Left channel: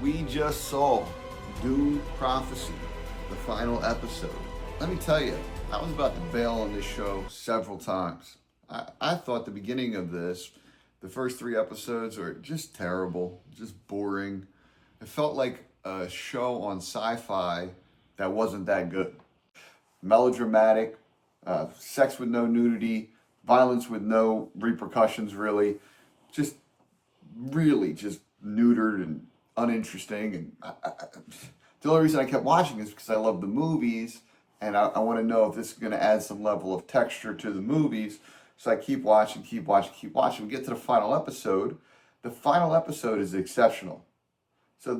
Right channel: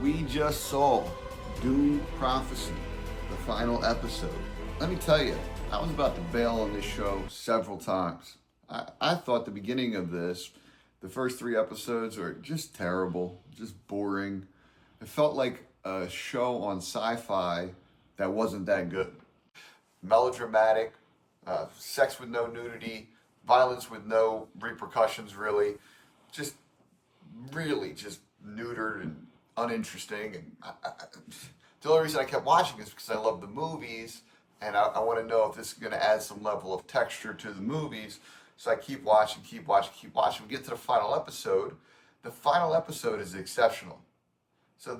We just saw Dune Prophecy, the final episode. Let me tell you, I was about to bail on this show several times. I thought the beginning of this, the first 3 episodes were just terrible, just boring. It felt like a show on sci-fi that wasn't that good. Melodramatic, sex with no nudity, violence with no repercussions really. Just really just neutered and uninteresting. And the only reason I kept watching is because I love the movies and I want to know if this is going to add some level of texture to the movies. So I keep watching. We get to the final episode. The final episode is exceptional. So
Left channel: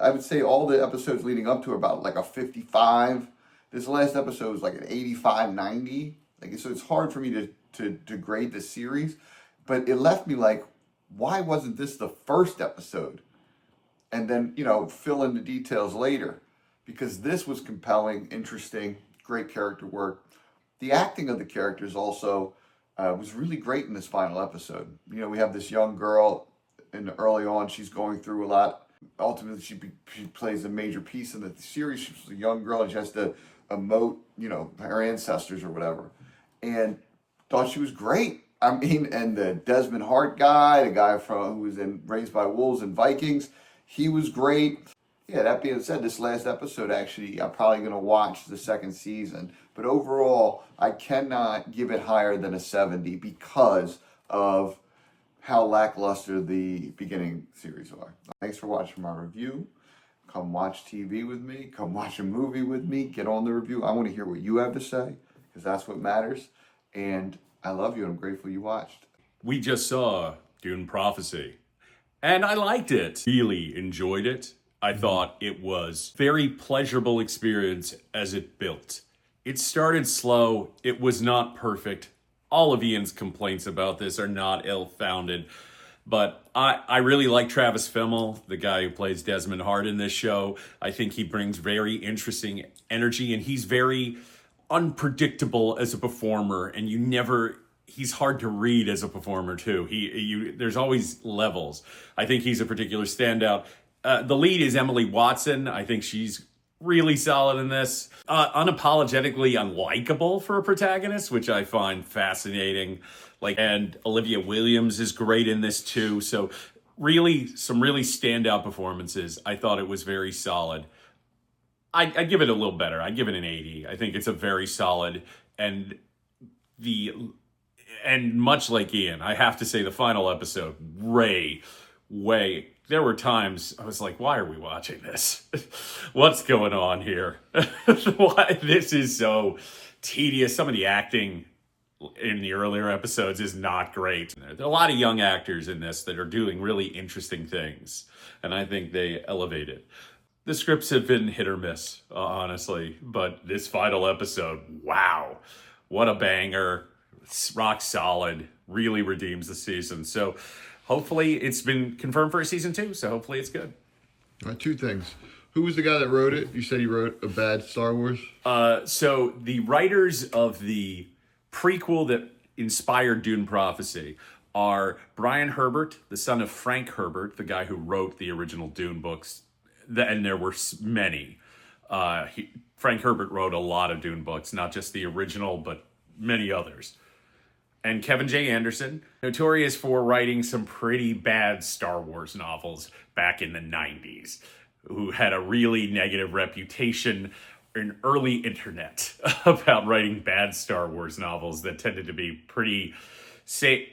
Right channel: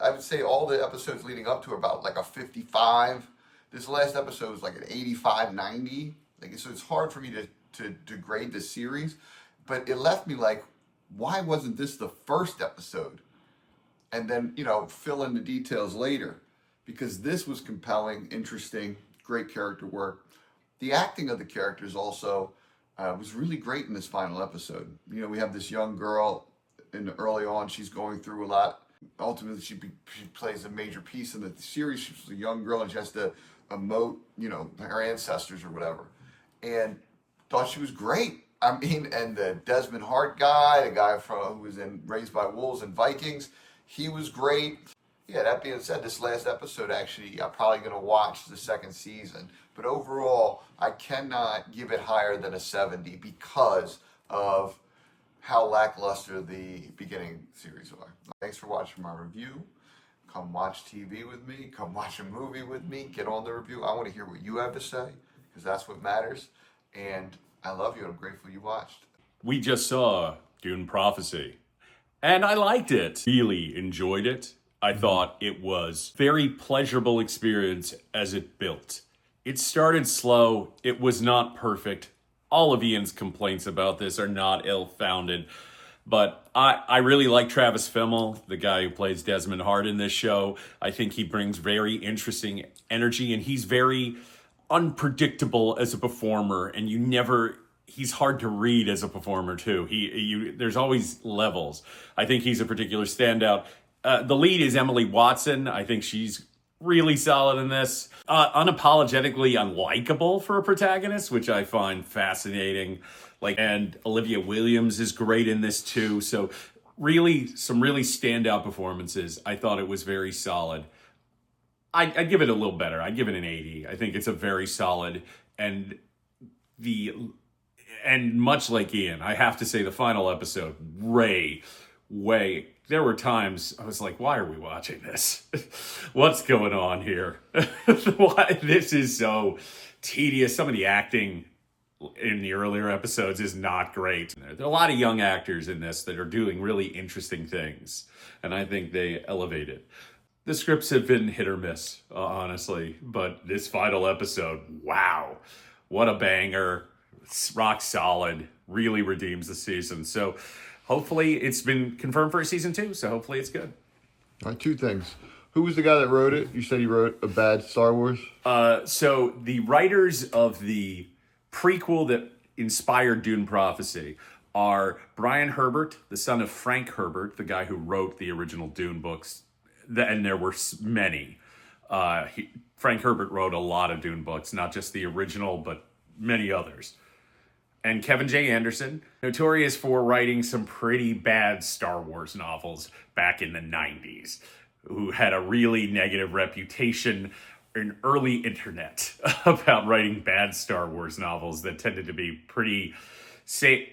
I would say all the episodes leading up to are about like a 55. This last episode was like an 85, 90. So it's hard for me to grade the series, but it left me like, why wasn't this the first episode? And then, fill in the details later, because this was compelling, interesting, great character work. The acting of the characters also was really great in this final episode. We have this young girl, and early on, she's going through a lot. Ultimately, she plays a major piece in the series. She's a young girl, and she has to emote, her ancestors or whatever. And thought she was great. And the Desmond Hart guy, the guy who was in Raised by Wolves and Vikings, he was great. Yeah, that being said, this last episode, actually, I'm probably going to watch the second season. But overall, I cannot give it higher than a 70 because of how lackluster the beginning series are. Thanks for watching my review. Come watch TV with me. Come watch a movie with me. Get on the review. I want to hear what you have to say because that's what matters. And I love you and I'm grateful you watched. We just saw Dune Prophecy. And I liked it. Really enjoyed it. I thought it was very pleasurable experience as it built. It started slow. It was not perfect. All of Ian's complaints about this are not ill-founded. But I really like Travis Fimmel, the guy who plays Desmond Hart in this show. I think he brings very interesting energy, and he's very unpredictable as a performer, and he's hard to read as a performer too. There's always levels. I think he's a particular standout. The lead is Emily Watson. I think she's really solid in this. Unapologetically unlikable for a protagonist, which I find fascinating. And Olivia Williams is great in this too. So really, some really standout performances. I thought it was very solid. I'd give it a little better. I'd give it an 80. I think it's a very solid and much like Ian, I have to say the final episode, there were times I was like, why are we watching this? What's going on here? Why this is so tedious. Some of the acting in the earlier episodes is not great. There are a lot of young actors in this that are doing really interesting things, and I think they elevate it. The scripts have been hit or miss, honestly, but this final episode, wow, what a banger. It's rock solid, really redeems the season. So hopefully it's been confirmed for a season 2, so hopefully it's good. All right, 2 things. Who was the guy that wrote it? You said he wrote a bad Star Wars? So the writers of the prequel that inspired Dune Prophecy are Brian Herbert, the son of Frank Herbert, the guy who wrote the original Dune books, and there were many. Frank Herbert wrote a lot of Dune books, not just the original, but many others. And Kevin J. Anderson, notorious for writing some pretty bad Star Wars novels back in the 90s, who had a really negative reputation in early internet about writing bad Star Wars novels that tended to be pretty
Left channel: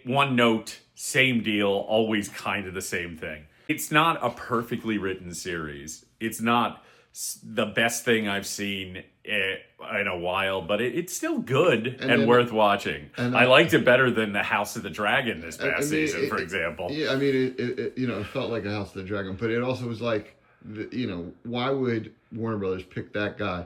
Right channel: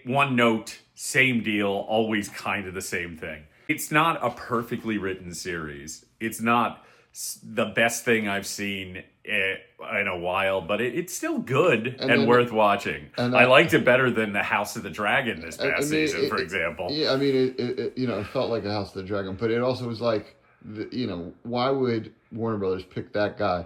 one note, same deal, always kind of the same thing. It's not a perfectly written series. It's not the best thing I've seen in a while, but it's still good and worth watching. And I liked it better than The House of the Dragon this past season, for example. Yeah, it felt like A House of the Dragon, but it also was like, why would Warner Brothers pick that guy?